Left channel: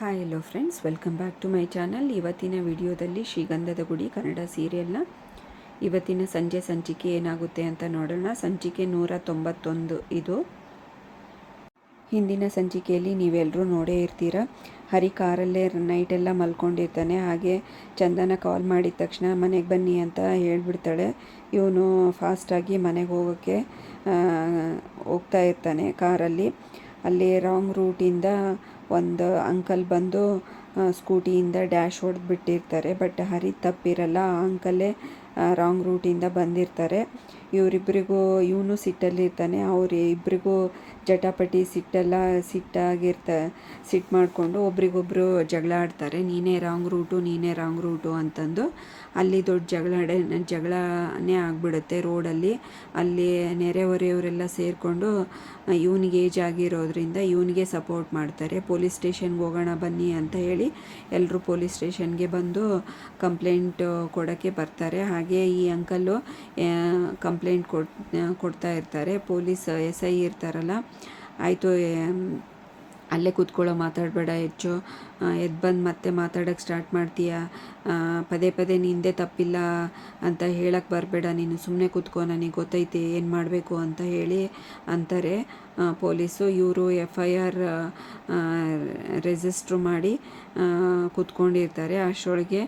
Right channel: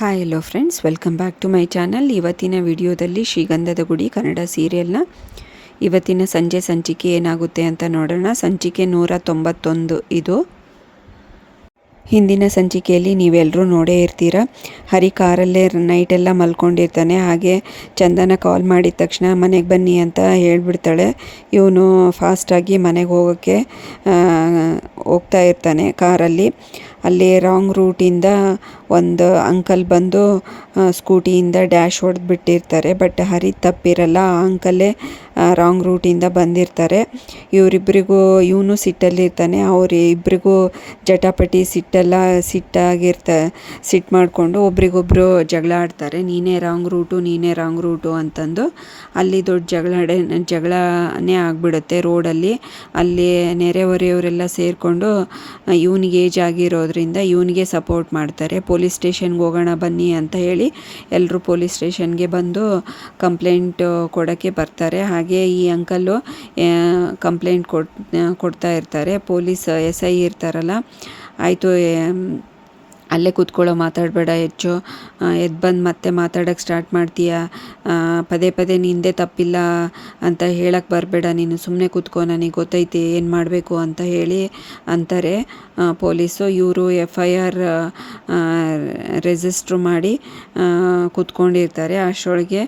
Hi hello friends, welcome back to my channel. ಇವತ್ತಿನ ವಿಡಿಯೋದಲ್ಲಿ ಶ್ರೀಗಂಧದ ಗುಡಿ ಕನ್ನಡ ಸೀರಿಯಲ್ನ ಇವತ್ತಿನ ಸಂಜೆ ಸಂಚಿಕೆ ಏನಾಗುತ್ತೆ ಅಂತ ನೋಡೋಣ. ಸಂಚಿಕೆ 191 ಇದು. ಹಿಂದಿನ ಸಂಚಿಕೆಯಲ್ಲಿ ನೀವೆಲ್ಲರೂ ನೋಡೇ ಇರ್ತೀರ. ಹರಿ ಕಾರಲ್ಲೇ ನೈಟೆಲ್ಲ ಮಲ್ಕೊಂಡಿರ್ತಾನೆ. ಹಾಗೆ ಚಂದನ ಕಾಲ್ ಮಾಡಿದ ತಕ್ಷಣ ಮನೆಗೆ ಬನ್ನಿ ಅಂತ ಹೇಳ್ಬಿಡ್ತಾಳೆ. ಇವನು ಫಾಸ್ಟಾಗಿ ಮನೆಗೆ ಹೋಗೋಕ್ಕೆ ಹೋಗ್ತಾ ಇರ್ತಾನೆ ಕಾರಲ್ಲಿ. ಅಲ್ಲಿ ರಾಂಗ್ ರೂಟಿಂದ ಒಂದು ಅಂಕಲ್ ಬಂದು ಸ್ಕೂಟಿಯಿಂದ ಡ್ಯಾಶ್ ಹೊಡೆದು ಬಿಟ್ಟಿರ್ತಾರೆ. ಬಟ್ ಹರಿ ತಪ್ಪಿರಲ್ಲ, ಆ ಅಂಕಲ್ಲೇ ರಾಂಗ್ ರೂಟಿಂದ ಬಂದಿರ್ತಾರೆ. ಇವರಿಬ್ಬರಿಗೂ ಇವನು ಸಿಟ್ಟಲ್ಲಿರ್ತಾನೆ. ಅವರಿಬ್ಬರಿಗೂ ಜಟಾಪಟಿ ಸಿಟ್ಟು ಮಾಡಿಕೊಂಡು ಒಬ್ರಿಗೊಬ್ರು ಜಗಳ ಆಡ್ತಾರೆ. ನೀನೇ ರಾಂಗ್ ರೂಟು ಅಂತಂದು ಅಲ್ಲಿ ದೊಡ್ಡ ಜಗಳನೇ ಆಗಿಬಿಡುತ್ತೆ ರೋಡಲ್ಲಿ. ಅಲ್ಲಿ ನೆರೆಹೊರೆಯವರೆಲ್ಲ ಸೇರಿಕೊಂಡು ಇವನಿಗೆ ಏಜ್ ಆಗಿರೋದ್ರಿಂದ ಇವನಿಗೆ ಸಪೋರ್ಟ್ ಮಾಡ್ತಾರೆ. ಪೊಲೀಸ್ ಸ್ಟೇಷನ್ಗೆ ಹೋಗೋಣ ಬನ್ನಿ ಅಂತ ಹೇಳಿ ಎಲ್ಲರೂ ಪೊಲೀಸ್ ಸ್ಟೇಷನ್ಗೆ ಬಂದು ಕಂಪ್ಲೇಂಟ್ ಕೊಡೋಕ್ಕೆ ಬರ್ತಾರೆ. ಹಾಗೆ ಈ ಅಂಕಲ್ಲು ಕಂಪ್ಲೇಂಟ್ ಕೊಡ್ತಾ ಇರ್ತಾರೆ. ಪೊಲೀಸ್ SI ಇರ್ತಾರಲ್ಲ, ಆಯಿತು ಅಲ್ಲೇ ಕೂತ್ಕೊಳ್ಳೋ, ಮಾತಾಡಬೇಡ, ಹೆಚ್ಚು ಎದ್ದು ಬಂದು ಮತ್ತೆ ಮಾತಾಡೋಕ್ಕೆ ಸ್ಟಾರ್ಟ್ ಮಾಡ್ತೀಯ, ಪದೇ ಪದೇ ನಿಂದೇ ತಪ್ಪಿಲ್ಲ ಅಂತ ಹೇಳಕ್ಕೆ ಬರಬೇಡ, ನೀನು ಸುಮ್ಮನೆ ಕೂತ್ಕೋ, ನನಗೆ ಗೊತ್ತೈತಿ ಏನು ಮಾಡಬೇಕು ಅಂತ ಹೇಳಿ ಅಂತಾರೆ ಪೊಲೀಸು. ಇವರು FIR ರಿಜಿಸ್ಟ್ರು ಮಾಡಿ ಕೂತ್ಕೊಂಡಿರ್ತಾರೆ. ಅಷ್ಟರೊಳಗೆ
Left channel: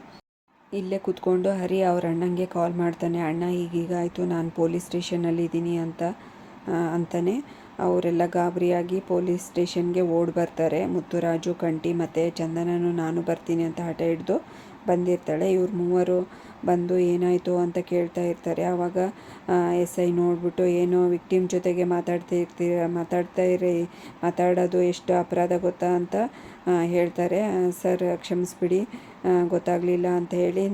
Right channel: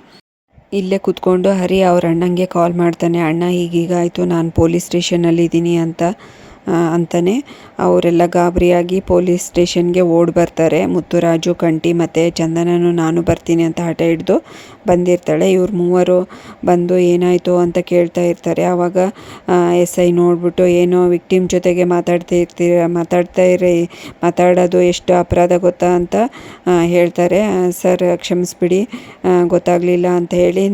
ಇಲ್ಲೇ ಕೂತ್ಕೊಂಡು ಹರಿ ಅವ್ರ ಅಣ್ಣಂಗೆ ಕಾಲ್ ಮಾಡ್ತಾನೆ. ಅಣ್ಣ ಹೀಗೀಗಾಯಿತು, ನಾನು ಪೊಲೀಸ್ ಸ್ಟೇಷನಲ್ಲಿದ್ದೀನಿ ಅಂತಾನೆ. ಅವರೆಲ್ಲ ಗಾಬರಿಯಾಗಿ ಪೊಲೀಸ್ ಸ್ಟೇಷನ್ಗೆ ಓಡಿ ಬರ್ತಾರೆ. ಮುತ್ತುರಾಜು, ಕಂಟಿ ಮತ್ತು ಚಂದನನು ನಾನು ಬರ್ತೀನಿ ಅಂತ ಹಠ ಹಿಡಿದು ಬಂದಿರ್ತಾಳೆ. ಇವ್ರು ಮೂವರು ಬಂದು ಏನಾಯಿತು ಅಂತ ಕೇಳ್ತಾ ಇರ್ತಾರೆ. ಆವಾಗ SI ನೋಡಿಬಿಟ್ಟು, ಏನೋ ವಿಕ್ಟಿಮ್ ಜೊತೆಗೆ ಮಾತಾಡೋದು ಎಷ್ಟು ಅಪರಾಧ ಗೊತ್ತಾ ಅಂತ ಹೇಳ್ತಾರೆ. ಸರ್ ಕ್ಷಮಿಸ್ಬಿಡಿ, ಗೊತ್ತಾಗಲಿಲ್ಲ ಅಂತ ಹೇಳಿ.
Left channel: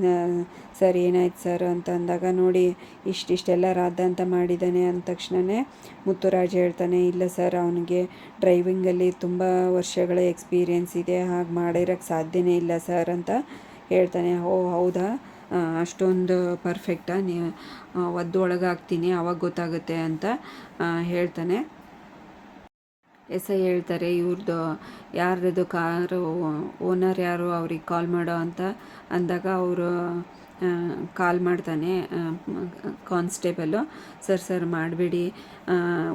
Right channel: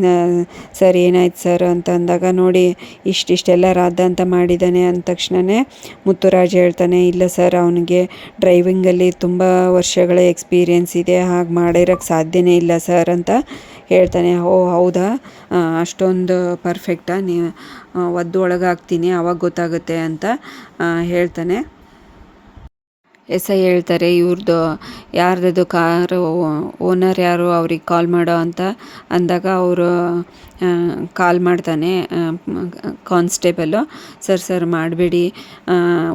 ಸರ್ ಏನಾಯ್ತು ಸರ್ ಅಂತ ಅಂದಾಗ, ನೋಡಿ ಇಷ್ಟೆಲ್ಲ ರಾದ್ಧಾಂತ ಮಾಡಿದ್ದಾನೆ ಅಂದ ತಕ್ಷಣವೇ ಮುತ್ತುರಾಜ್ ಹೇಳ್ತಾನೆ, ಇಲ್ಲ ಸರ್, ಅವನಿಗೆ ಡ್ರೈವಿಂಗಲ್ಲಿ ತುಂಬ ವರ್ಷಗಳ ಎಕ್ಸ್ಪೀರಿಯೆನ್ಸ್ ಇದೆ, ಹಾಗೆ ಮಾಡಿರೋಕ್ಕೆ ಸಾಧ್ಯನೇ ಇಲ್ಲ ಸರ್ ಅಂತ ಹೇಳ್ತಾನೆ. ಓ ಹೌದಾ, ಅಷ್ಟೊಂದು ಪರ್ಫೆಕ್ಟಾ, ನೀವು ಒದ್ದು ಒಳಗಾಗ್ತೀನಿ ಆವಾಗ ಗೊತ್ತಾಗುತ್ತೆ ಅಂತ ಹೇಳ್ತಾನೆ. SI ಹೇಳ್ತಾರೆ, ಇವ್ರದ್ದು ಯಾರ್ದು ಕಾರು ಓನರ್ ಯಾರು, ಅವ್ರಿಗೆ ಕಾಲ್ ಮಾಡೋ ಅಂತ ಅಂದಾಗ ಅವರು ಕಾಲ್ ಮಾಡ್ತಾನೆ ಕಾನ್ಸ್ಟೇಬಲು. ಸರ್ ಮಾಡಬೇಡಿ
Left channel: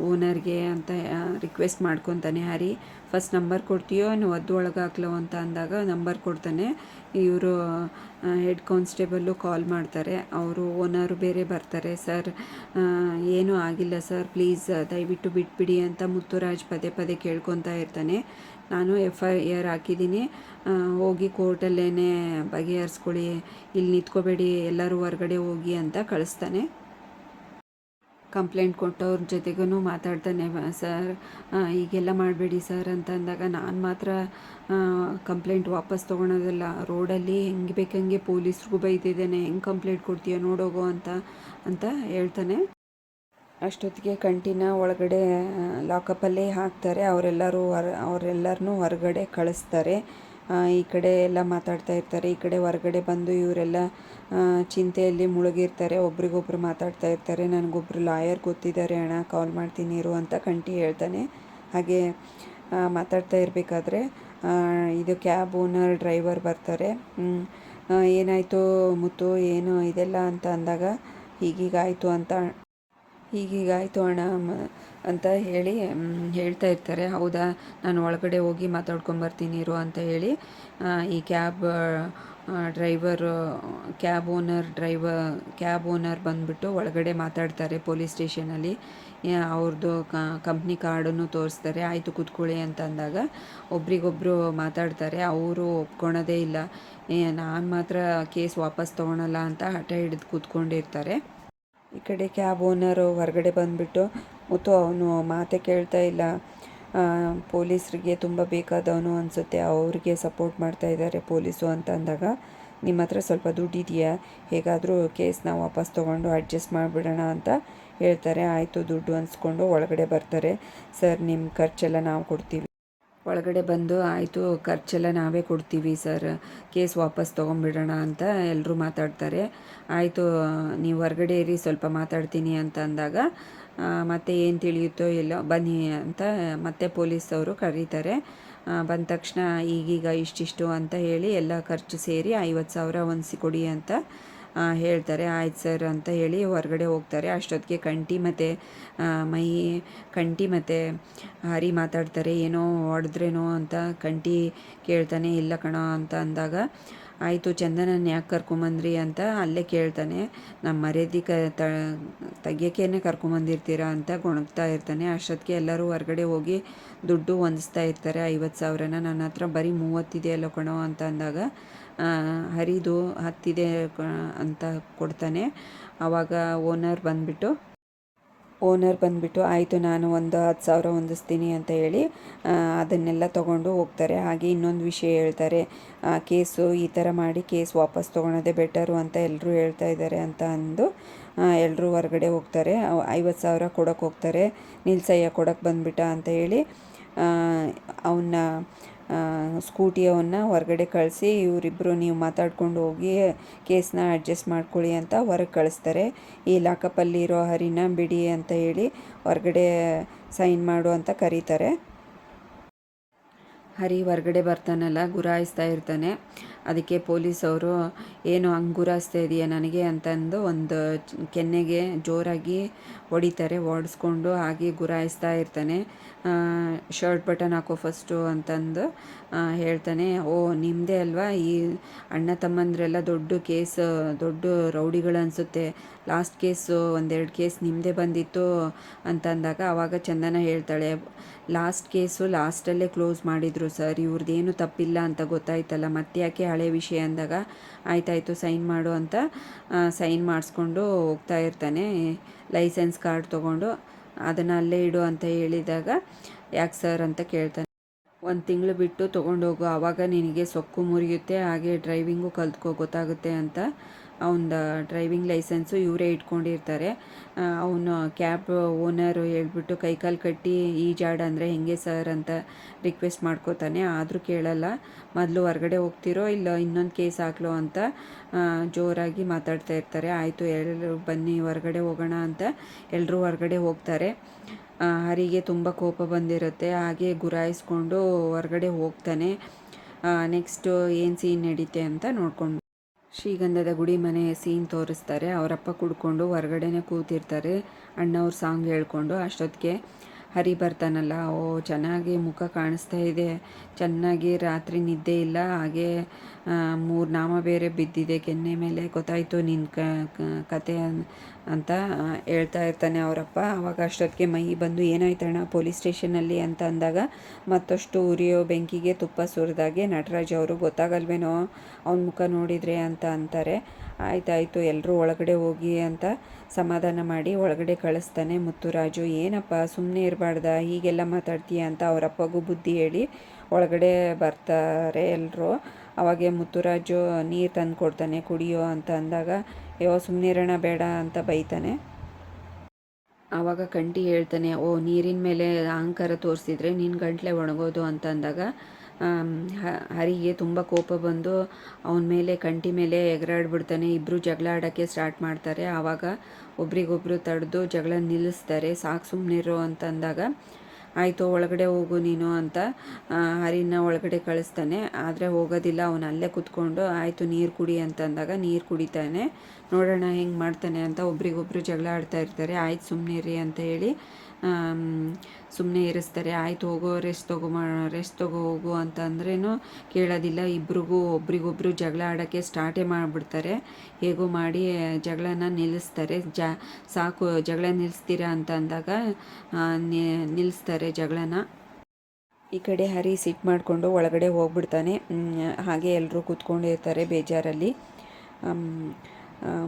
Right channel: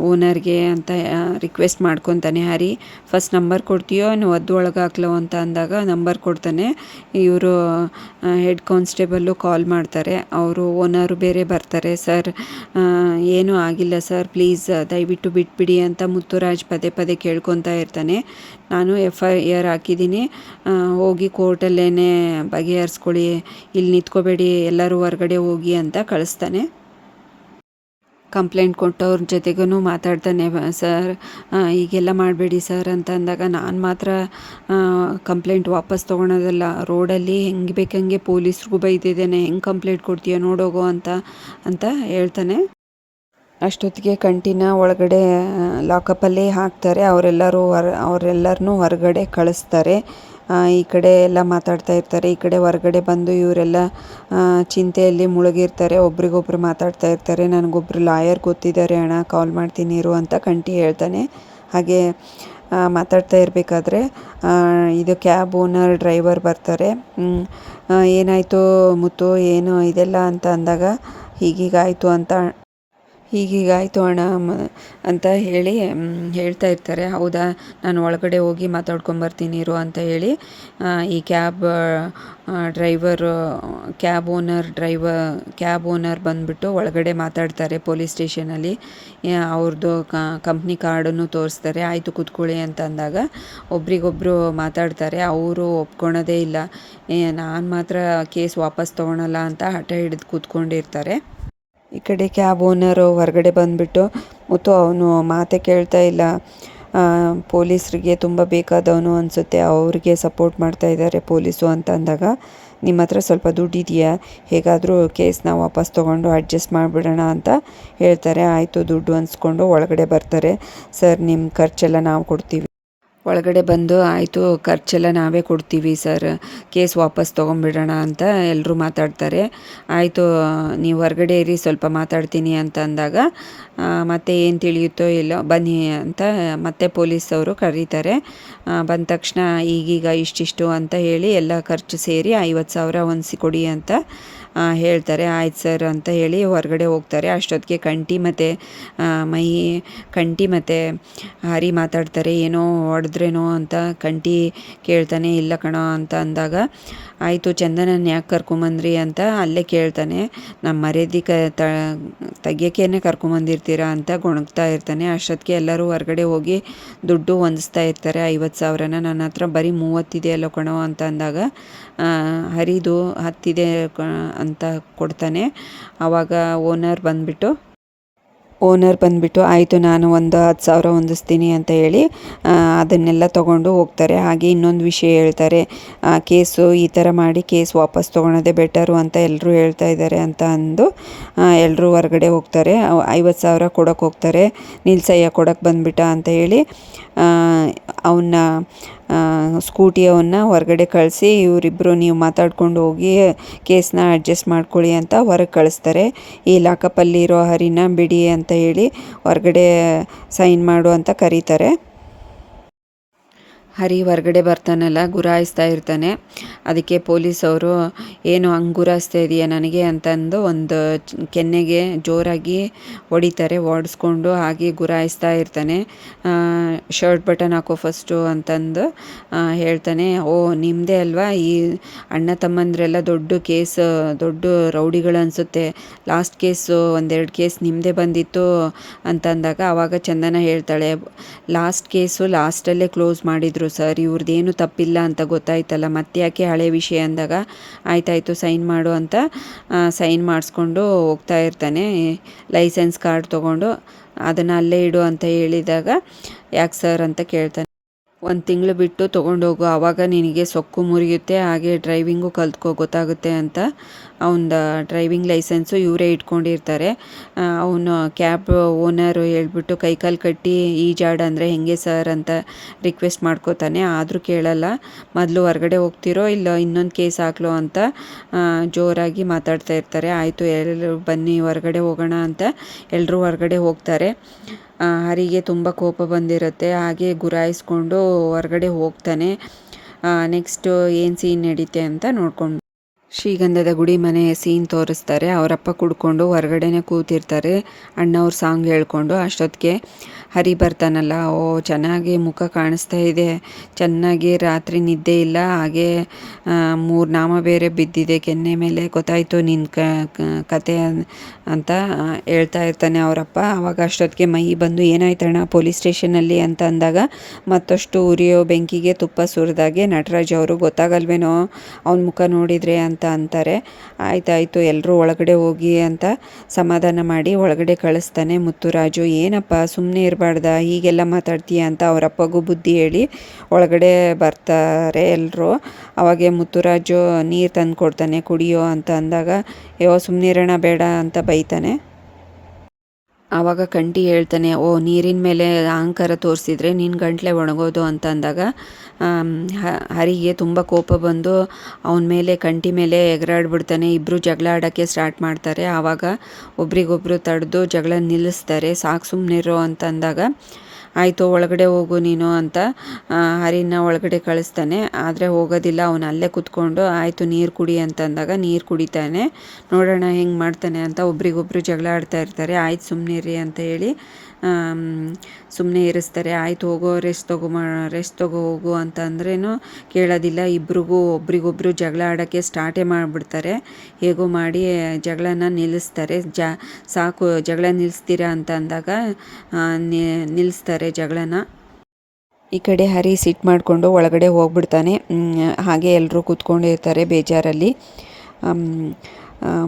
ಓನರ್ಗೆ ಅಂತ ರಿಕ್ವೆಸ್ಟ್ ಮಾಡ್ಕೊತಾನೆ ಹರಿ. ಫಸ್ಟ್ ನಂಬರ್ ಕೊಡ್ತೀಯೋ ನೀವು ಒದ್ದು ಒಳಗಾಕ್ಲೋ ಅಂತ ಅಂದಾಗ ನಂಬರ್ ಕೊಡ್ತಾನೆ. ಇವರು ಹೆಡ್ ಕಾನ್ಸ್ಟೇಬಲ್ಲು ಕಾಲ್ ಮಾಡ್ತಾರೆ. ಅವರು ಓನರು ಬೇರೆ ಬರ್ತಾರೆ. ಸರ್ ಏನೂ ಆಗಿಲ್ಲ ಸರ್, ಪ್ಲೀಸ್ ದಯವಿಟ್ಟು ಬಿಟ್ಬಿಡಿ ಅಂತ ಮುತ್ತುರಾಜ್ ಪದೇ ಪದೇ ಕೇಳ್ಕೊತಾ ಇರ್ತಾನೆ. ನಾನು FIR ಹಾಕಿದ್ದೀನಿ, ಹೋಗಿ ಕೋರ್ಟಲ್ಲೇ ಬಗೆಹರಿಸ್ಕೊಳ್ಳಿ, ಇಲ್ಲಿ ನಿಂತ್ಕೋಬೇಡಿ, ಎಲ್ಲರೂ ಹೊರಗಡೆ ಹೋಗಿ ಅಂತ ಕಳಿಸ್ತಾನೆ. ಕಂಪ್ಲೇಂಟ್ ಕೊಟ್ಟವ್ರ ಜೊತೆಗೂ ಮಾತಾಡ್ತಾನೆ. ಸರ್ ಹೀಗೆಲ್ಲ ಮಾಡಬೇಡಿ ಸರ್ ಅಂತ ಅಂದಾಗ, ನಾನು ಮಾತ್ರ ಕಂಪ್ಲೇಂಟ್ ವಾಪಸ್ ತೊಗೊಳೋದಲ್ಲ, ರೋಡಲ್ಲಿ ಹೆಂಗೆ ಬೇಕಂಗೆ ಪೊಲೀಸ್ರಿಗೂ ಬೈದಿದ್ದೇನೆ, ಹೆಂಗೆ ಕಂಪ್ಲೇಂಟ್ ಕೊಡ್ತೀಯ ನೋಡೋಗೋ ಅಂತ ಹೇಳ್ತಾನೆ. ಅಷ್ಟೊತ್ತಿಗೆ ಕಂಟಿನ ಒಳಗಡೆ ಲಾಕಪ್ಪಲ್ಲಿ ಹಾಕ್ತಾರೆ. ಅವರೆಲ್ಲರನ್ನೂ ಹೊರಗಡೆ ಕಳಿಸ್ತಾರೆ. ಈ ಕಡೆ ಎಲ್ಲ ಮಾತಾಡ್ತಾ ಇರ್ತಾರೆ. ಈ ಕಡೆ ಹೊರಗಡೆ ಬಂದು ಇವರೆಲ್ಲ ಚಿಂತೆಯಲ್ಲಿ ಮುಳುಗಿರ್ತಾರೆ. ಒಬ್ರಿಗೊಬ್ರು ಮಾತಾಡ್ತಾ ಇರ್ತಾರೆ. ನನಗೊಬ್ರು ಲಾಯರ್ ಗೊತ್ತಿದ್ದಾರೆ ಅಣ್ಣ, ಕಾಲ್ ಮಾಡ್ತೀನಿ ಇರು ಅಂತ ಕಂಟಿ ಹೇಳ್ತಾನೆ. ಹಾಗೆ ಮಾತಾಡ್ತಾ ಇರಬೇಕಾದ್ರೆ ಇದು ಕ್ಯಾಬ್ ಓನರ್ ಡ್ರೈವರ್ ಬರ್ತಾರೆ. ಏನಾಯಿತು ಮುತ್ತು, ಏನು ಇದೆಲ್ಲ ಅಂತ ಅಂದಾಗ, ಹೀಗೀಗಾಯಿತು ಅಣ್ಣ ಅಂತ ಹೇಳಿ ಹೇಳ್ತಾ ಇರ್ತಾರೆ. ಹೌದಾ, ನಾನು ಒಳಗಡೆ ಹೋಗಿ ಮಾತಾಡ್ಕೊಂಬರ್ತೀನಿ ಇರು ಅಂತ ಹೇಳಿ ಈ ಕ್ಯಾಬ್ ಓನರ್ ಬಂದುಬಿಟ್ಟು ಒಳಗಡೆ ಮಾತಾಡ್ತಾರೆ ಪೊಲೀಸ್ ಸ್ಟೇಷನಲ್ಲಿ. ಅವ್ರದ್ದು ಕಂಪ್ನಿ ಕಾರ್ಡನ್ನು ತೋರಿಸ್ತಾರೆ. ಆಯಿತು ಕೂತ್ಕೊಳ್ಳಿ ಅಂತ ಅಂದಾಗ ಒಬ್ರಿಗೊಬ್ಬರು ಮಾತಾಡ್ತಾರೆ. ಅವರು ಒಪ್ಕೊಳೋದೇ ಇಲ್ಲ, ನಾನು ಮಾತ್ರ ಕೇಸ್ ವಾಪಸ್ ತೊಗೊಳಲ್ಲ ಅಂತ ಹಠ ಹಿಡಿದು ಕೂತ್ಕೊಂಡಿರ್ತಾರೆ. ಈ ಕಡೆ ಕ್ಯಾಬ್ ಓನರು ಹೊರಗಡೆ ಬಂದುಬಿಟ್ಟು, ಮತ್ತು ಅವನು ಮಾತೇ ಕೇಳ್ತಾ ಇಲ್ಲ, ಪೊಲೀಸರಿಗೆ ತುಂಬ ಬೇಕಾದವನು ಅನಿಸುತ್ತೆ, ಅವ್ರಿಗೆ ಸಪೋರ್ಟ್ ಮಾಡ್ತಾ ಇದ್ದಾರೆ ಪೊಲೀಸು ಅಂತ ಅಂದಾಗ, ನಿಮ್ಮ ಹತ್ರ ಸ್ವಲ್ಪ ದುಡ್ಡಿದೆಯಾ, ಹೇಗಾದರೂ ಕೇಸ್ನ ವಾಪಸ್ ತೊಗೊಂಡು ಅಡ್ಜಸ್ಟ್ ಮಾಡಿಬಿಡೋಣ ಅಂತ ಹೇಳ್ತಾರೆ. ಆಯಿತು ದುಡ್ಡು ಅನ್ಸ್ಕೊಂಡು ಒಳಗಡೆ ಬರ್ತಾರೆ. ಸರ್ ನಿಮ್ಮ ಖರ್ಚೆಲ್ಲ ನಾವು ಕೊಡ್ತೀವಿ. ಒಳಗಡೆ ಬಂದು ಆಯಿತು ಖರ್ಚೆಲ್ಲ ನಾವೇ ಕೊಡ್ತೀವಿ ಸರ್, ಕೇಸ್ ವಾಪಸ್ ತೊಗೊಂಬಿಡೋಣ ಅಂತ ಎಲ್ಲರೂ ಮಾತಾಡ್ತಾರೆ. ಆಯಿತು ನೀವು ಹೊರಗಡೆ ಇರಿ, ಸ್ವಲ್ಪ ಮಾತಾಡ್ತೀನಿ ಅಂತ ಅಂದಾಗ ಮತ್ತೆ ಏನು ತಿಳಿಯುತ್ತೋ ಇಲ್ಲೋ ಬನ್ನಿ ಅಂತ ಮತ್ತೆ ಪೊಲೀಸವರು ಕರೀತಾರೆ. ಬಂದ ತಕ್ಷಣ ಈಗೀಗ ಇಷ್ಟಿಷ್ಟು ಅಂತ ಹೇಳಿ ಎಲ್ಲ ಖರ್ಚು ಸೇರಿ 50,000 ಹೊಂದಿಸಿ ಕೊಡಿ ಅಂತ ಹೇಳ್ತಾರೆ. ಆಯ್ತು ಸರ್ ಅಂತ ಹೇಳಿ ಹೊರಗಡೆ ಹೋಗ್ತಾರೆ. ಅಷ್ಟೊತ್ತಿಗೆ ಕಂಠಿ ಮತ್ತು ಕಂಠಿ ಮತ್ತು ಹರಿ ಮಾತಾಡ್ತಾರೆ. ಏನೋ ಹೊಡೆದ್ರೇನೋ ಅಂತ ಕಂಠಿ ಕೇಳ್ತಾನೆ. ಇಲ್ಲ ಕಣೋ ಅಂತ ಅಂದಾಗ ಆಯಿತು ಚಂದನನ್ನ ಯಾಕೆ ಕರ್ಕೊಂಬಂದ್ರಿ ಅಂತ ಅಲ್ಲೇ ಕೇಳ್ತಾನೆ. ನಮ್ಮ ಮರ್ಯಾದೆ ತೆಗಿಯೋಕ್ಕೇನೆ ಕರ್ಕೊಂಬಂದಿರ್ತೀರಾ ಅಂತ ಗೊಣಗ್ತಾ ಇರ್ತಾನೆ. ಅಷ್ಟೊತ್ತಿಗೆ ಎಲ್ಲರೂ ಹೊರಗಡೆ ಹೋಗಿ ದುಡ್ಡು ಹೊಂದಿಸ್ತಾ ಇರ್ತಾರೆ 50,000ನ. ನನ್ನ ಹತ್ರ ಬರೀ 30 ಇದೆಯಲ್ಲೋ ಕಣೋ ಅಂತ ಅಂದಾಗ ಹರಿದು 10 ಇದೆ ಅಂತ ಕೊಡ್ತಾನೆ. ಆವಾಗ ಓನರ್ ಬಂದುಬಿಟ್ಟು ಆಯಿತು ನಾನು ಒಂದು 10,000 ಹೊಂದಿಸ್ತೀನಿ ಅಂತ ಹೇಳಿ ಅದನ್ನೆಲ್ಲ ತೊಗೊಂಡು ಹೋಗ್ತಾರೆ. ಹಾಗೆ ಇನ್ನೊಂದು ವಿಷಯ ಹೇಳ್ತಾರೆ, ಕೇಸು ಈ ಥರ ಮಾಡಿ ಕೇಸ್ ವಾಪಸ್ ತೊಗೊಳೋದೇ ಬೆಟರು ಅಂತ ಎಲ್ಲರೂ ಹೇಳ್ತಾ ಇದ್ದಾರೆ ಅಂತ ಅಂದು ಎಲ್ಲರೂ ಹೊರಗಡೆ ಹೋಗ್ತಾರೆ. 50,000 ಕೊಡೋಕ್ಕೆ ಹೋಗ್ತಾರೆ. ನಿಲ್ಸಯ್ಯ ಕೊಡೋಕ್ಕೆ ಬಂದುಬಿಟ್ಟ ಅಂತ ಹೇಳಿ ಅವನ್ನ ಸ್ಕೂಟಿಯವನ್ನ ಹೊರಗಡೆ ಕಳಿಸಿ ಇವರಿಬ್ಬರು ನೀವು ಮಾತಾಡ್ಕೊಂಡು ಹೋಗಿ ಕೇಸ್ನ ಅಡ್ಜಸ್ಟ್ ಮಾಡ್ಕೊಳ್ಳಿ ಅಂತ ಹೊರಗೆ ಕಳಿಸ್ತಾರೆ. ಈ ಲಾಕಪ್ಪಲ್ಲಿರೋ ಹರಿನ ಬಿಡಿ ಅಂತ ಹೇಳಿ ಹೊರಗಡೆ ಸೈನ್ ಮಾಡು ಅಂತ ಕರೀತಾರೆ. ಹರಿ ಹೊರಗಡೆ ಬರ್ತಾನಲ್ಲ, ಗುರಾಯಿಸ್ತಾ ಇರ್ತಾನೆ. ಅದಕ್ಕೆ ಪೊಲೀಸವರು ಏನು ಹಂಗೆ ಗುರಾಯಿಸ್ತಾ ಇದೆಯಾ ನನಗೆ ಅಂತಂದು ಒಂದು ಕೆನ್ನೆಗೆ ಜೋರಾಗಿ ಹೊಡಿತಾರೆ. ಹೊಡೆಸ್ಕೊಂಡು ಹಾಗೆ ಗುರಾಯಿಸ್ತಾ ಇರ್ತಾನೆ. ಶರ್ಟ್ ಬಟನ್ ಹಾಕೋ ಫಸ್ಟು ಅಂತಂದು ಹೇಳ್ತಾನೆ. ಓ ನಿಮ್ಮದೇ ಅಲ್ವಾ ಈ ಅಣ್ಣ ತಮ್ಮಂದ್ರೆಲ್ಲ ದೊಡ್ಡ ರೌಡಿಗಳು ಅನಿಸುತ್ತೆ, ಲಾಸ್ಟ್ ಕೇಸು 1-2 ಕೇಸ್ ನಿಮ್ಮದೇ ಬಂದಿತ್ತು ಅಂತಂದಾಗ ಆವಾಗ ಚಂದನ ಹೇಳ್ತಾಳೆ, ಲಾಸ್ಟ್ ಕೇಸು ಲಾಸ್ಟಲ್ಲೇ ಕ್ಲೋಸ್ ಮಾಡಿದರು ಸರ್, ಇವ್ರದ್ದೇನು ತಪ್ಪಿಲ್ಲ ಅಂತ ಗೊತ್ತಾಯ್ತಲ್ಲ, ಮತ್ತೆ ಯಾಕೆ ಹಳೆ ವಿಷಯ ಅಂದಾಗ ಆಯ್ತಾಯಿತು ಸೈನ್ ಮಾಡು ಅಂತ ಸೈನ್ ಮಾಡಿಸ್ಕೊಂಡು ಹೋಗ್ತಾ ಇರ್ತಾನೆ. ಲೈಸೆನ್ಸ್ ಕಾರ್ಡ್ ತೊಗೊಂಡು ಅದನ್ನು ಅಲ್ಲೇ ಇಡು ಅಂತ ಹೇಳಿದಾಗ ಯಾಕೆ ಸರ್ ಅಂತ ಕೇಳ್ತಾನೆ. 1 ತಿಂಗಳು ಬಿಟ್ಟು ತೊಗೊಂಡೋಗು, ಆವಾಗ ನಿನಗೆ ಸೊಕ್ಕು ಮುರಿಯುತ್ತೆ, ಹಾಗೆ ಡ್ರೈವಿಂಗು ಕಲ್ತ್ಕೋ ಗೊತ್ತಾಗುತ್ತೆ ಅಂತ ಅವನ ಡ್ರೈವಿಂಗ್ ಲೈಸೆನ್ಸು ಇವರೇ ಇಟ್ಕೊಂಡಿರ್ತಾರೆ. ಅವನು ಕ್ಯಾಬ್ ಓನರು ಹೇಳ್ಬಿಟ್ಟು ಕೈಕಾಲು ಕಟ್ಟಿ ಈಜಾಡ ಅಂದರೆ ಹೆಂಗೆ ಸರ್ ಅಂತ ರಿಕ್ವೆಸ್ಟ್ ಮಾಡ್ಕೋತಾನೆ. ಆದರೂ ಕೇಳಲ್ಲ. ಮೊದಲು ಹೊರಗಡೆ ಹೋಗ್ತಿರೋ ಇಲ್ಲ ಇನ್ನೊಂದು ಕೇಸ್ ಹಾಕ್ಲೋ ಅಂತ ಜೋರಾಗಿ ಮಾತಾಡ್ತಾ ಇರ್ತಾರೆ. ಆಯಿತು ಎಲ್ಲರೂ ಬನ್ನಿ ಹೊರಗಡೆ ಹೋಗೋಣ ಅಂತ ಎಲ್ಲರೂ ಹೊರಗಡೆ ಹೋಗ್ತಾರೆ. ಹರಿಗೆ ತುಂಬ ಕೋಪ ಬಂದಿರುತ್ತೆ. ಹಾಗೆ ಗುರಾಯಿಸ್ಕೊಂಡು ಹೊರಗಡೆ ಹೋಗ್ತಾನೆ. ನೆಕ್ಸ್ಟು ಏನು ಸೀನ್ ನಡೀತೆ ಅಂತ ನೋಡ್ಕೊಂಡು ಶ್ರೀಗಂಧದ ಗುಡಿ ಮನೆ ಸೀನ್ ತೋರಿಸ್ತಾರೆ. ಅವರಪ್ಪ ಕುಡ್ಕೊಂಡು ಹೊರಗಡೆನೇ ಕೂತಿರ್ತಾರೆ ಅಣ್ಣವ್ರ ಸಾಂಗ್ ಹೇಳ್ಕೊಂಡು. ಅಷ್ಟೊತ್ತಿಗೆ ಹರಿ ಬರ್ತಾನಲ್ಲ, ಓ ಚೆನ್ನಾಗಿ ಮುಖ ಕಾಣಿಸ್ತಾ ಇದೆ, ಚೆನ್ನಾಗಿ ರಾತ್ರಿ ನಿದ್ದೆ ಇಲ್ಲ, ಹಾಗೆ 3 ನಾಮ ಬೇರೆ ಬಿದ್ದಿದೆ ಕೆನ್ನೆ ಮೇಲೆ, ಗೊತ್ತಾಯಿತು ನಿನ್ನ ಕತೆ ಅಂತ ಹೇಳ್ತಾ ಇರ್ತಾನೆ ಅವರಪ್ಪ. ಆವಾಗ ಅಷ್ಟೊತ್ತಿಗೆ ಮೈ ಬಂದು ಏನಾಯ್ತಣ್ಣ ಪೊಲೀಸ್ ಸ್ಟೇಷನಲ್ಲಿ ಅಂತ ಅಂದಾಗ ಮತ್ತಷ್ಟು ಉರಿಯೋ ಬೆಂಕಿಗೆ ತುಪ್ಪ ಸುರಿದಾಗೆ ನಟರಾಜ್ ಅವರು ಗೊತ್ತಾಗಲ್ವೇನೋ ಅವನ ಮುಖ ನೋಡಿದರೆ ಅಂತ ಅಂತಾರೆ. ಆಯ್ತಾಯಿತು ಎಲ್ಲರೂ ಒಳಗಡೆ ಹೋಗಿ ಅಂತ ಸಮಾಧಾನ ಮಾಡಿ ಒಳಗಡೆ ಕಳಿಸ್ತಾನೆ. ಮುತ್ತುರಾಜು ಏನಪ್ಪ ಸುಮ್ಮನೆ ಇರಬಾರ್ದ, ಹೀಗೆಲ್ಲ ಮಾತಾಡ್ತೀಯ ಅಂತ ಅವರಪ್ಪಗೂ ಬುದ್ಧಿ ಹೇಳಿ ಒಳಗಡೆ ಬರ್ತಾರೆ ಎಲ್ಲರೂ. ಅವಾಗೆ ಮುತ್ತುರಾಜು ನೀರು ತಂದು ಕೊಡ್ತಾನೆ ಕುಡಿಯೋ ಅಂತ ಅಂದಾಗ ಸುಮ್ಮನೆ ಇರೋಣ ಬೇಡ ಅಂತ ಬೈತಾನೆ. ಆವಾಗ ಕಂಠಿ ಹೇಳ್ತಾನೆ, ಓ ನೀರಿನ ಮೇಲೆ ಅಹಂಕಾರ ತೋರಿಸಿದ್ರೆ ನಿನ್ನ ಗಂಟ್ಲೆ ಒಣಗೋದು ಅಂತ ಅಂದಾಗ ಹರಿಗೆ ತುಂಬ ಕೋಪ ಬಂದು ಅವನ ಮೇಲೆ ಕಂಠಿ ಮೇಲೆ ಎಗರಾಡ್ಬಿಡ್ತಾನೆ. ಇಬ್ಬರು ಜಗಳ ಆಡೋಕ್ಕೆ ಸ್ಟಾರ್ಟ್ ಮಾಡ್ತಾರೆ. ಆವಾಗ ಒಬ್ರಿಗೊಬ್ರು ತಡೆದು ಜಗಳ ನಿಲ್ಲಿಸ್ತಾರೆ. ಸಾಕು ಸುಮ್ಮನಿರೋ ಅಂತ ಅಂದಾಗ ಆಯಿತು ಒಳಗಡೆ ಹೋಗು ನೀನು ಅಂತ ಹರಿನ ಒಳಗಡೆ ಕಳಿಸ್ತಾನೆ. ಆದರೆ ಹೋಗೋದಿಲ್ಲ, ಅವನು ಅಲ್ಲೇ ಕೂತ್ಕೊಂಡು ಆಯಿತು ನೀರು ಕುಡಿ ಅಂತಂದಾಗ ನೀರು ಕುಡಿತಾನೆ. ನೋಡೋಣ ಹೆಂಗೆ ಮಾಡ್ತಾನೆ ಅಂತ ಒಬ್ರಿಗೊಬ್ರು ಜಗಳ ಆಡ್ತಾ ಇರ್ತಾರೆ. ಆಯ್ತು ಸುಮ್ಮನಿರಿ ಅಂತ ಹೇಳಿ ಸುಮ್ಮನೆ ಇರಿಸ್ತಾರೆ. ಆಯಿತು ಹೋಗೋ ರೆಸ್ಟ್ ತಗೋ ಹೋಗು ಅಂತ ಅಂದ್ರೇನು ಕೇಳೋದಿಲ್ಲ. ಒಬ್ರಿಗೊಬ್ರು ಜಗಳ ಆಡೋಕ್ಕೆ ಸ್ಟಾರ್ಟೇ ಮಾಡಿಬಿಡ್ತಾರೆ. ಹೇಗೋ ಮಾಡಿ ಜಗಳನ ನಿಲ್ಲಿಸ್ತಾರೆ. ಸಾಕು ಜಗಳ ನಿಲ್ಲಿಸ್ತೀರಾ ಅಂತ ಅಂದಾಗ ನಿಲ್ಲಿಸ್ತಾರೆ ಜಗಳನ. ಈ ಕಡೆ ಹರಿ ಸಿಟ್ಟು ಮಾಡಿಕೊಂಡು ಒಳಗಡೆ ಹೋಗ್ಬಿಡ್ತಾನೆ. ಹಾಗೆ ಎಲ್ಲರೂ ಕೂತ್ಕೊಂಡಿರ್ತಾರೆ ಬೇಜಾರಲ್ಲಿ.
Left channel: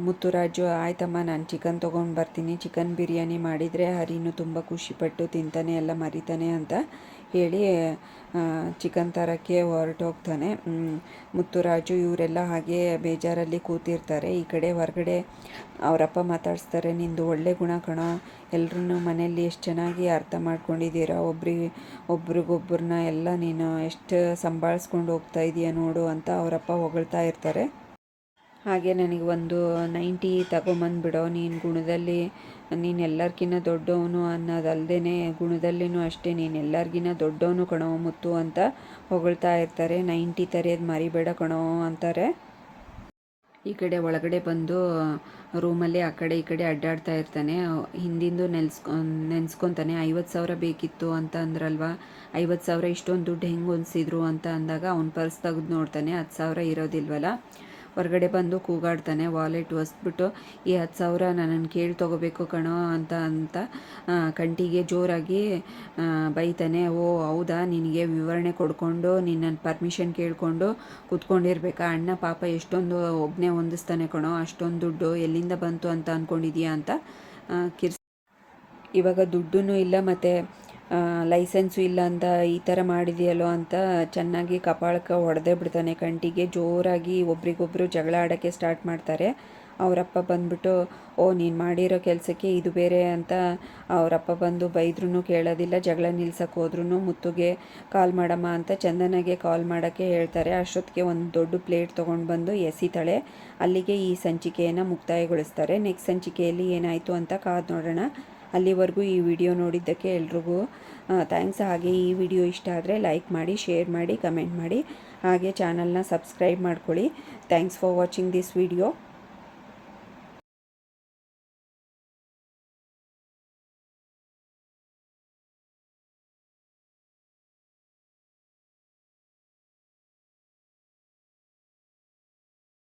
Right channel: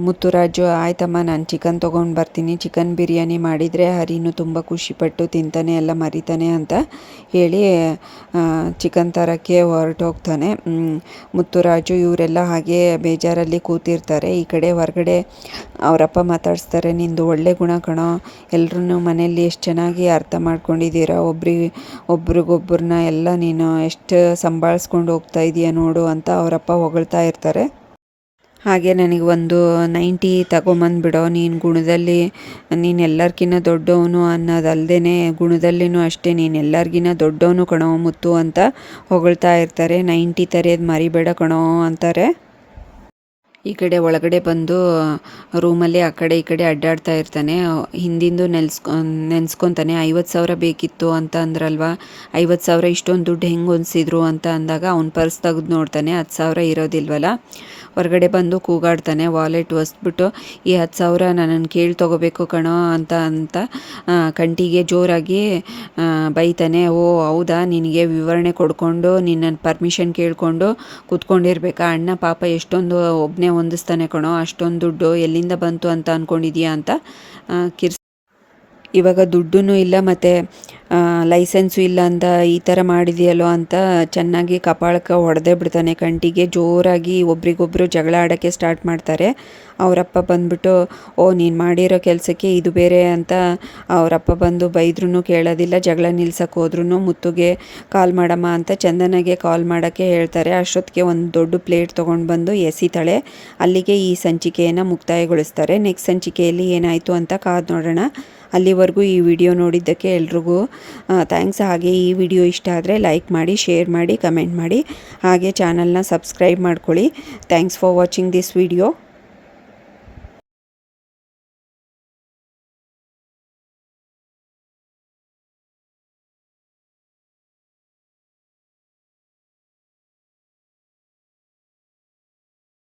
ಮುತ್ತುರಾಜು ಆಯ್ತಮ್ಮ ನಾನು ಚಿಕನ್ ತೊಗೊಂಡು ಬರ್ತೀನಿ, ಚಿಕನ್ ಬಿರಿಯಾನಿ ಮಾಡಿದರೆ ಹರಿನು ತುಂಬ ಖುಷಿಪಟ್ಟು ತಿಂತಾನೆ ಎಲ್ಲ ಮರಿತಾನೆ ಅಂತ ಹೇಳಿ ಚಿಕನ್ ತರೋಕ್ಕೆ ಹೊರಟೋಗ್ತಾನೆ. ಮುತ್ತುರಾಜು ಇವರೆಲ್ಲ ಹಾಗೆ ಬೇಜಾರಲ್ಲಿ ಕೂತಿರ್ತಾರೆ. ಈ ಕಡೆ ಹೊರಗಡೆ ಅವರಪ್ಪ ಮಾತಾಡಿಸ್ತಾರೆ, ನಿಂದು ಒಳ್ಳೆ ಗುಣ ಕಣೋ, ಎಲ್ಲರೂ ಮನೆಯಲ್ಲಿ ಎಷ್ಟು ಚೆನ್ನಾಗಿ ಅರ್ಥ ಮಾಡ್ಕೊಂಡಿದ್ದೀರಾ, ಒಬ್ರಿಗೊಬ್ಬರನ್ನ ಎಲ್ಲ ನೀನು ಎಷ್ಟು ಸಂಭಾಳಿಸ್ಕೊಂಡು ಹೋಗ್ತಾ ಇದೀಯ ನೋಡು ಅಂತ ಅವರಪ್ಪ ಹೊಗಳ್ತಾ ಇರ್ತಾರೆ. ಹಾಗೆ ನನಗೆ ಒಂದು 90 ತಗೊಂಬಂದ್ಬಿಡೋ, ನೀನು ಗುಣದಲ್ಲಿ ನೀನು ಎಲ್ಲರಿಗಿನ್ನ ದೊಡ್ಡವನು ಅನ್ನೋದಲ್ದೇ ಗುಣದಲ್ಲಿನೂ ಅಷ್ಟೇ ನೀನು ಎಲ್ಲರಿಗಿನ್ನ ದೊಡ್ಡವನು ಕಣೋ ಮುತ್ತು ಅಂತ ಹೊಗಳ್ತಾ ಇರ್ತಾರೆ. 90 ತರೆಯೋದು ಮರಿಬೇಡ ಕಣೋ ಅಂತಾರೆ. ಈ ಕಡೆ ಒಳಗಡೆ ಬಂದು ರೂಮಲ್ಲಿ ಆ ಕಡೆ ಈ ಕಡೆ ಅಡ್ಡಾಡ್ತಾ ಇರ್ತಾನೆ. ಹಿಂದಿಂದು ನೆನೆಸ್ಕೊತಾನೆ, 50,000 ಬೇಕಿತ್ತು ಅಂತ ಅಂದ್ರಲ್ವ, 50,000 ಇಷ್ಟೊಂದು ದುಡ್ಡು ಹೆಂಗೆ ಹೊಂದಿಸಿದ್ರು ಅಂತ ಅಂದಾಗ ಅವ್ನ ಪರ್ಸ್ ತೆಗೆದು ನೋಡ್ತಾನೆ, 10,000 ಇರೋದಿಲ್ವಲ್ಲ. ಹೊರಗಡೆ ಬಂದು ಕೂಗಾಡ್ತಾನೆ, ವಾಲೆಟ್ ಒಸ್ಬಿಟ್ಟು, ಈ 10,000 ನನ್ನನ್ನು ಕೇಳಿ ತೊಗೋಬೇಕು ಕಣೋ ಅಂತ ಕಂಟಿಗೆ ಜೋರಾಗಿ ಬೈತಾನೆ. ಓ ಹೌದಾ, ನಿನಗೆ ವಿವರಣೆ ಕೊಡ್ಕೊಂಡು ನಿನ್ನನ್ನು ಪರ್ಮಿಷನ್ ಕೇಳಿಕೊಂಡು ಕೂತ್ಕೊಂಡಿರ್ಬೇಕಾ, ಅಣ್ಣ ಪಾಪ ಎಷ್ಟೊಂದು ಒಬ್ಬನೇ ಹೊಂದಿಸ್ತಾನೆ ಕಣೋ, ಅಷ್ಟೊಂದು ದುಡ್ಡು ಎಲ್ಲಿಂದ ಬಂತು ಅಂತ ಅಂದ್ಕೊಂಡಿದ್ಯಾ ಅಂತ ಇವಾಗ ದುಡ್ಡೂ ಇಲ್ಲ ಮತ್ತು ಲೈಸೆನ್ಸು ಇಲ್ಲ ಅಂತ ಈ ಥರ ಮಾಡಿದೆಯಲ್ಲೋ ಅಂತ ಚೆನ್ನಾಗಿ ಕಪಾಳಕ್ಕೆ ಹೊಡೆದೇ ಬಿಡ್ತಾನೆ. ಕಂಟಿಗೆ ಜೋರಾಗಿ ಒಬ್ರಿಗೊಬ್ಬರು ಜಗಳ ಆಡೋಕ್ಕೆ ಸ್ಟಾರ್ಟ್ ಮಾಡ್ತಾರೆ. ಅವರಪ್ಪ ಬಂದ್ಬಿಟ್ಟು, ಓ ನೀನು ಮಾಡಿರೋ ಕೆಲಸಕ್ಕೆ ಇದು ಬೇರೆ ಅಂತ ಅವರಪ್ಪ ಬಂದು ಬೈದ್ರೂ ಕೇಳೋದಿಲ್ಲ. ಜಗಳ ನಿಲ್ಸಕ್ಕೆ ಹೋದ್ರೂ ಮುತ್ತುಗೆ ಕಾಲ್ ಮಾಡಮ್ಮ ಅಂತ ಚಂದನಾಗೆ ಕಾಲ್ ಮಾಡೋಕ್ಕೆ ಹೇಳ್ತಾರೆ. ಅಷ್ಟೊತ್ತಿಗೆ ಒಂದು ದೊಡ್ಡ ಪ್ಲೇಟ್ ತೊಗೊಂಡು ಬಂದು ಎಸಿತಾಳೆ. ಅಲ್ಲಿಗೆ ಈ ಸಂಚಿಕೆಯನ್ನು ಮುಕ್ತಾಯಗೊಳಿಸ್ತಾರೆ. ನೆಕ್ಸ್ಟ್ ಸಂಚಿಕೆಯಲ್ಲಿ ಏನಾಯಿತು ಅಂತ ಕಾದು ನೋಡೋಣ. ಅಲ್ಲಿವರೆಗೂ ಈ ವಿಡಿಯೋ ನೋಡಿದ್ದಕ್ಕೆ ಎಲ್ರಿಗೂ ಥ್ಯಾಂಕ್ಸ್. ಹಾಗೆ ಈ ವಿಡಿಯೋ ಇಷ್ಟ ಆದರೆ ಲೈಕ್ ಮಾಡಿ, ಶೇರ್ ಮಾಡಿ, ಕಮೆಂಟ್ ಮಾಡಿ, ಹಾಗೆ ಚಾನಲ್ನ ಸಬ್ಸ್ಕ್ರೈಬ್ ಮಾಡ್ಕೊಳ್ಳಿ. Thanks for watching this video.